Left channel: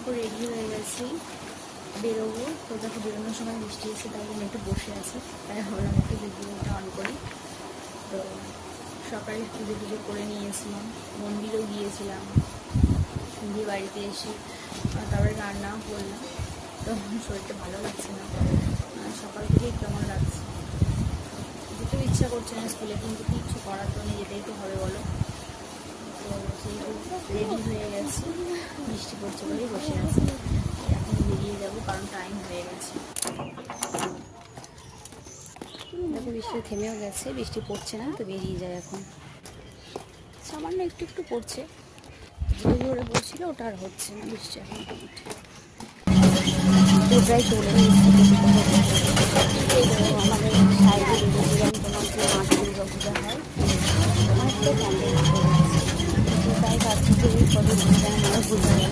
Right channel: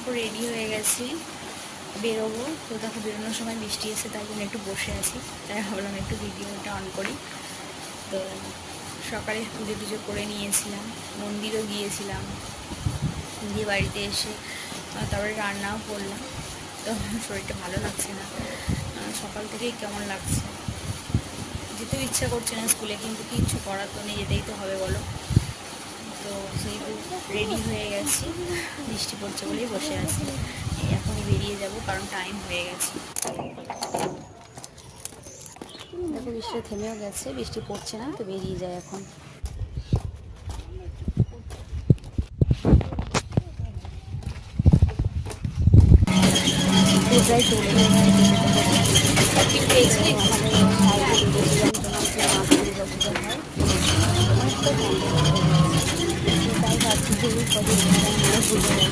দেখো রেডি হয়ে গেছি, বেরোবো। তো দেখো বেরোনোর সময় বৃষ্টি এসে তাই জন্য একটু বসে আছি, তাই ভাবলাম একটু ভিডিওটা অন করি। তো সকালে পুজো টুজো করে নিয়েছিলাম, মন্দিরও গিয়েছিলাম, দিয়ে বাড়িতে এসে তারপরে রান্নাও করলাম। তো শরীরটা ভালো লাগছে না, সকাল থেকেই কেমন লাগছে, যেতেও ইচ্ছা করছে না স্কুলে, কিন্তু কিছু করার তো নেই, যেতেই তো হবে বলো। তো সেই রেডি হয়ে গেছি, বৃষ্টি পড়ছে বলেই বসে আছি। এখনই বেরিয়ে যাব কারণ টাইম হয়ে গেছে। দেখো বৃষ্টি থেমেও গেছে, বৃষ্টি পড়ছে না, তো বেরিয়ে যায় এখন। সামান্য একটু একটু পড়ছে, জোরে পড়ছিল, ওটা আর হচ্ছে না বৃষ্টি। প্রায় চলে এসেছি, আমাদের সাইডে বেরিয়েছিলাম তোমার যে মাঠ দুর্গা পূজা হয়, অনেকটা প্যান্ডেল হয়ে গেছে। তাই ভাবছি যে এই কদিন যেন মানে পুজো হলো।